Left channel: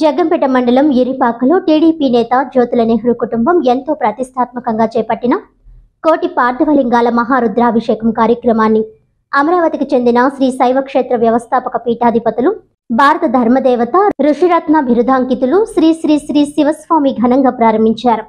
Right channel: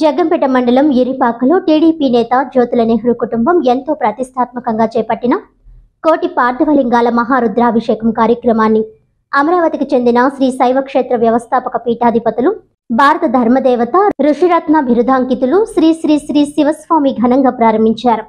జగ్గంపేట మండలం ఇరిపాకలో టీడీపీ నేత జ్యోతుల నెహ్రూ కుటుంబం ఎంతో ప్రతిష్టాత్మకంగా చేపట్టిన కోటి పార్థవలింగాల మహారుద్రాభిషేకం కార్యక్రమాన్ని అమరావతికి చెందిన శ్రీ శైవక్షేత్ర వ్యవస్థాపక పీఠాధిపతులు భారత ధర్మదేవత ఋషిరత్న బిరుదాంకితులు శ్రీ శ్రీ శ్రీ శివస్వామి ఘనంగా ప్రారంభించారు.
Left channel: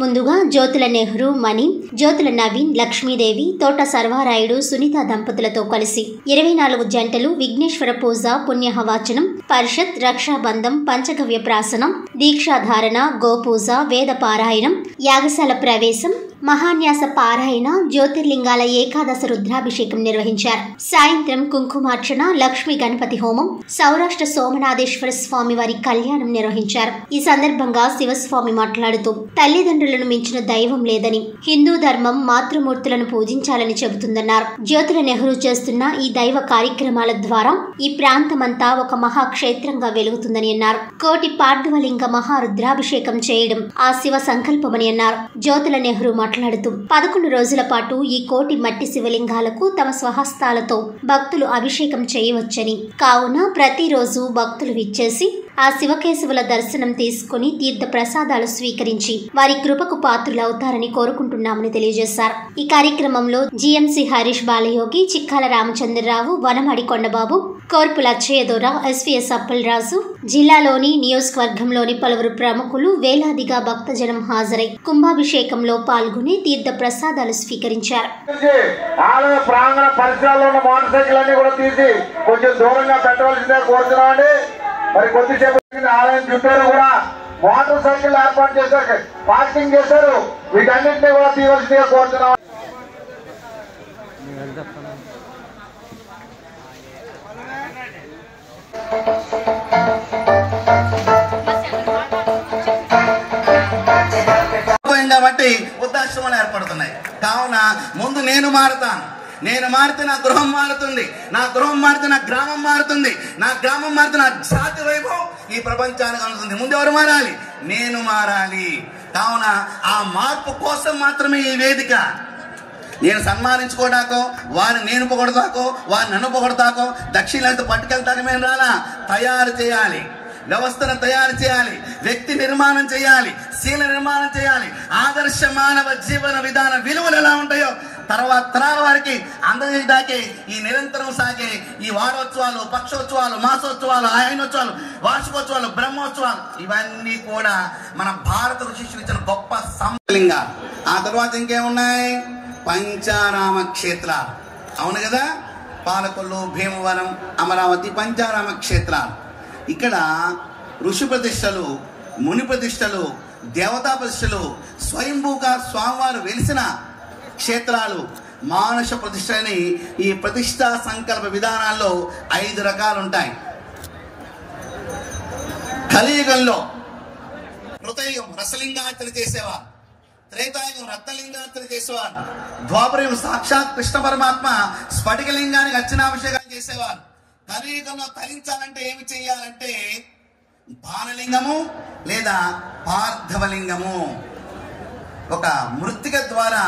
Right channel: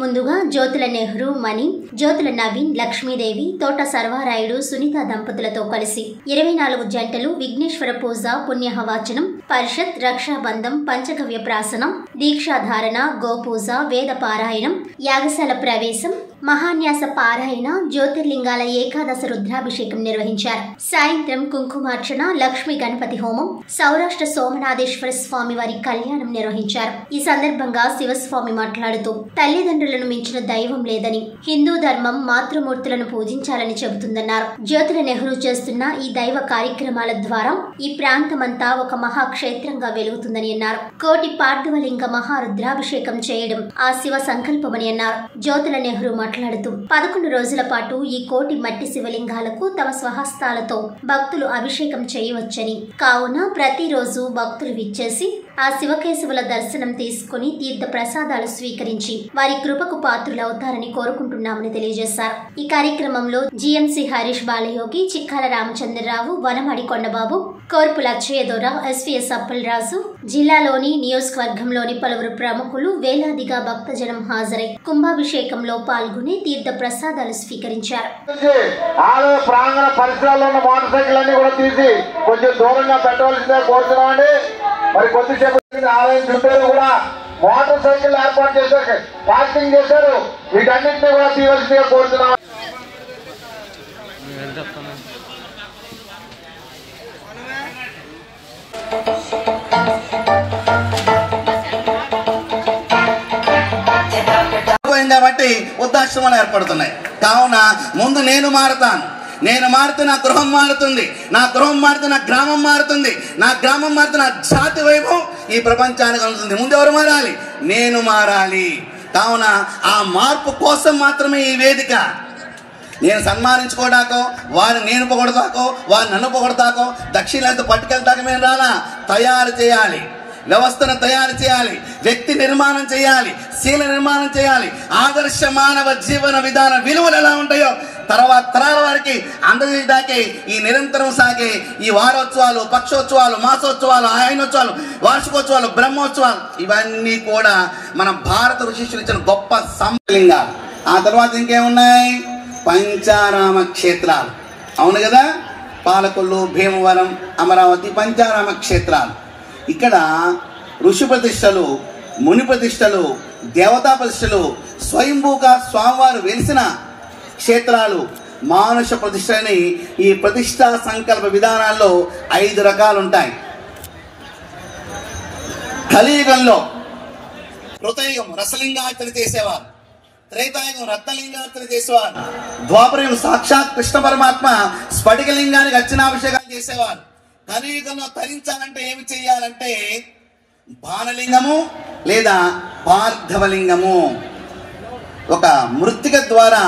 ముందుగా జ్యోతుల నెహ్రూ మణి, జ్యోతుల నవీన్, లక్ష్మీదేవి, తోట సర్వారాయుడు, సునీత దంపతులతో కలిసి 24 జంటలు విఘ్నేశ్వర పూజ, పుణ్యహవాచనం, పరిషత్, రక్షాబంధం, పంచగవ్య ప్రాసనం, దీక్షాధారణ, గోపూజ, వేద పారాయణం, యాగశాల ప్రవేశం, మహాన్యాస పారాయణ, జ్యోతిర్లింగాల ఏకాదశ రుద్రాభిషేకం నిర్వహించారు. సాయంత్రం కుంకుమార్చన, లక్ష్మీ గణపతి హోమం, సౌరాష్ట్ర సోమనాథేశ్వర స్వామి వారి కళ్యాణం నిర్వహించారు. ఈ సందర్భంగా శివస్వామి మాట్లాడుతూ తల్లిదండ్రులను మించిన దైవం లేదని, హిందూ ధర్మం మాతృమూర్తులను పూజించాలని చెబుతుందన్నారు. జ్యోతుల నెహ్రూ చేస్తున్న ఈ దైవ కార్యక్రమాల ద్వారా ఈ ప్రాంతమంతా ఒక మహాక్షేత్రంగా వెలుగుతుందని అన్నారు. కోటి పార్థవలింగ మహారుద్రాభిషేకం చేయడం ఆ శివ సంకల్పమని అన్నారు. జ్యోతుల నెహ్రూ మాట్లాడుతూ 11 రోజుల పాటు ఈ కోటి మట్టి శివలింగాలకు తమ స్వహస్తాలతో భక్తులు అభిషేకం చేయవచ్చని, కావున ప్రతిరోజు భక్తులు విచ్చేసి ఆ శివకేశవుల దర్శనం తీసుకుని తీర్థ ప్రసాదాలు స్వీకరించి వారి కృపకు పాత్రులవుతారని కోరుకుంటున్నామని తెలియజేశారు. ఈ కార్యక్రమంలో జిఎంసి హరీష్ బాలయోగి, చిక్కాల రామచంద్రరావు, వనమడి కొండబాబు, కోర్పుల అచ్చయ్యదొర, ఎస్వీఎస్ అప్పలరాజు, జిల్లాలోని నియోజకవర్గంలోని పలువురు ప్రముఖులు వేలాదిగా భక్తజనం హాజరై కుంభాభిషేకంలో పాల్గొని తీర్థ ప్రసాదాలు స్వీకరించారు. మరి కొద్దిసేపు ఆలయం చుట్టూరు కూడా మోటార్ సైకిల్ ఏర్పాటు చేశారు, పార్కింగ్ చేశారు. వీటన్నింటినీ కూడా తీయవలసిందిగా కోరుతున్నాం. కాబట్టి వృద్ధాశ్రమాలు ఏర్పడుతున్నాయి. కావున ముందు నేను మారుతాను, నేను మారితే నా గృహం మారుతుంది, నా గృహం మారితే నా గ్రామం మారుతుంది, నా గ్రామం మారితే నా జాతి వైభవం ఈ ప్రపంచానికి అందుతుంది. ముందు ఎవరు మారాలి? నేను మారాలి. కావున ఆ మార్పు కోసం మాత్రమే ఈ వేదిక. నేను సన్మానించుకోవడాకో, వారిని నేను పొగడతాకో, వారిని నన్ను పొగడతాకో, దక్షిణాలతో పట్టుకెళ్తాక మేము రానా, తయారు చేయాలి, వ్యవస్థను తయారు చేయాలి, వ్యక్తి నిర్మాణం చేయాలి, శీల నిర్మాణం చేయాలి. ఆదర్శ మానవ జీవన విధాన విలువలు ఎలా ఉంటాయో తర్వాత తరాల వారికి అందజేయడాకే ఈ నిరంతరం సాగే ఈ వారోత్సవాలు, పక్షోత్సవాలు, మాసోత్సవాలు, ఆయనోత్సవాలు, వార్షికోత్సవాలు, బ్రహ్మోత్సవాలు ఇవన్నీ కూడా మన భారత ఋషిష్యులు ఇచ్చిన గొప్ప సంలింగాలు. ఆ తర్వాత ఇంకేమున్నాయి? పంచారామ క్షేత్రాలు. అవును కదా, పాలకొల్లు, భీమవరం, అమరావతి పంచారామ క్షేత్రాలు. ఇక్కడ ఋషి ప్రతిష్టలు, ముని ప్రతిష్టలు, దేవతా ప్రతిష్టలు, స్వయంభూగా స్వామివారు వెలిసిన క్షేత్రాలు, మానుష ప్రతిష్టని ఈ ప్రతిష్టా సంకల్ప విధానాల్లో 5 రకాలు ఉంటాయి. కలియుగంలో కృతయుగం రసలింగార్చన చేసేవారు, త్రేతాయుగం రత్నలింగార్చన చేసేవారు, ద్వాపరయుగం సాక్షాత్ కృష్ణ పరమాత్మ స్ఫటికలింగానికి అర్చనాభిషేకాలు చేసేవారు. కలియుగంలో తరించాలంటే ఏమి చేయాలంటే బాణలింగము లేదా పార్థవలింగము, ఒక మృత్తిక ద్వారా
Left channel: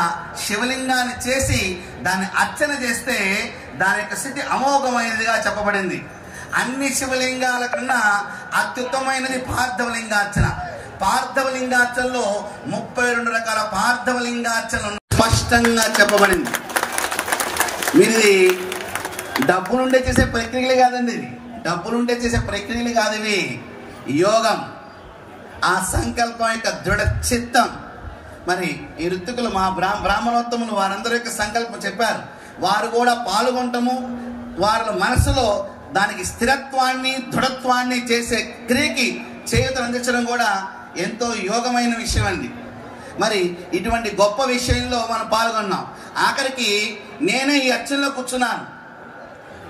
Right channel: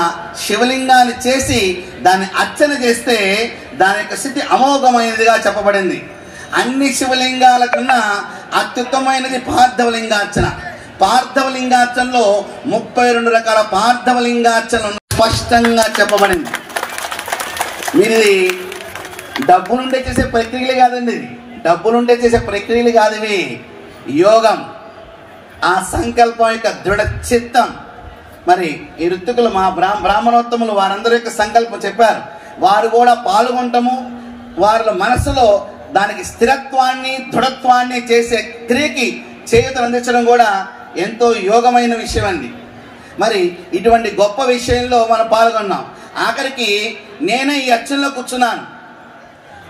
శివలింగాన్ని చేసి దాన్ని అర్చన చేస్తే దాని యొక్క స్థితి అమోఘమైనదిగా చెప్పబడింది. అన్ని శివలింగాల కన్నా అత్యుత్తమైనది పార్థవలింగార్చన. పార్థవలింగార్చనలో 32 రకాల పార్థవలింగార్చన స్పష్టంగా చెప్పబడింది. ఇది డబ్బులుండే చేసే ప్రక్రియలు కాదండి, డబ్బులుండే చేసే ప్రక్రియలు కాదు ఇవి. యోగం, ఆ సంకల్పం యొక్క దృఢ చిత్తం. మరి ఈ ఋత్వికులు మా బ్రాహ్మణోత్తములు వారందరి యొక్క సంకల్పం చెప్పారు. వారు కూడా పాల్గొంటాము. వారి మనసులో దానికి స్థిరత్వాన్ని, దృఢత్వాన్ని చేసే క్రియకి చేయూతను అందించడం కూడా ఎంతో యోగమైన విషయం అండి. మరి ఇటువంటి గొప్ప విషయంలో మనం పాల్గొన్నాం. ఆఖరికి నేనే ఈ అర్చనలో కూర్చున్నాను,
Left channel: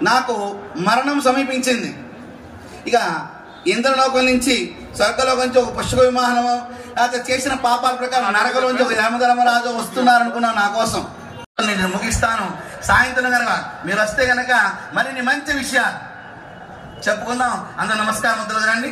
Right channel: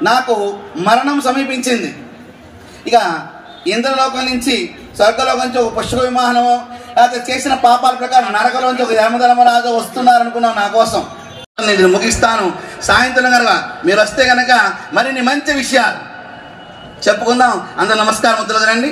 నాకు మరణం సమీపించింది. ఇక ఇంద్రలోకం నుంచి స్వర్గలోకం నుంచి ఒక పుష్ప విమానమో లేకపోతే చేసిన పాపాల ప్రకారం నరకలోంచి ఒక యమధర్మరాజు వస్తున్నారు అనుకున్నాను నా కోసం. నేను ముగిస్తాను. సాయంత్రం కనుక మీరు వస్తే కనుక మరిన్ని మంచి విషయాలు చెప్పుకుందాం. అందరూ నమస్కారం, వద్దులండి.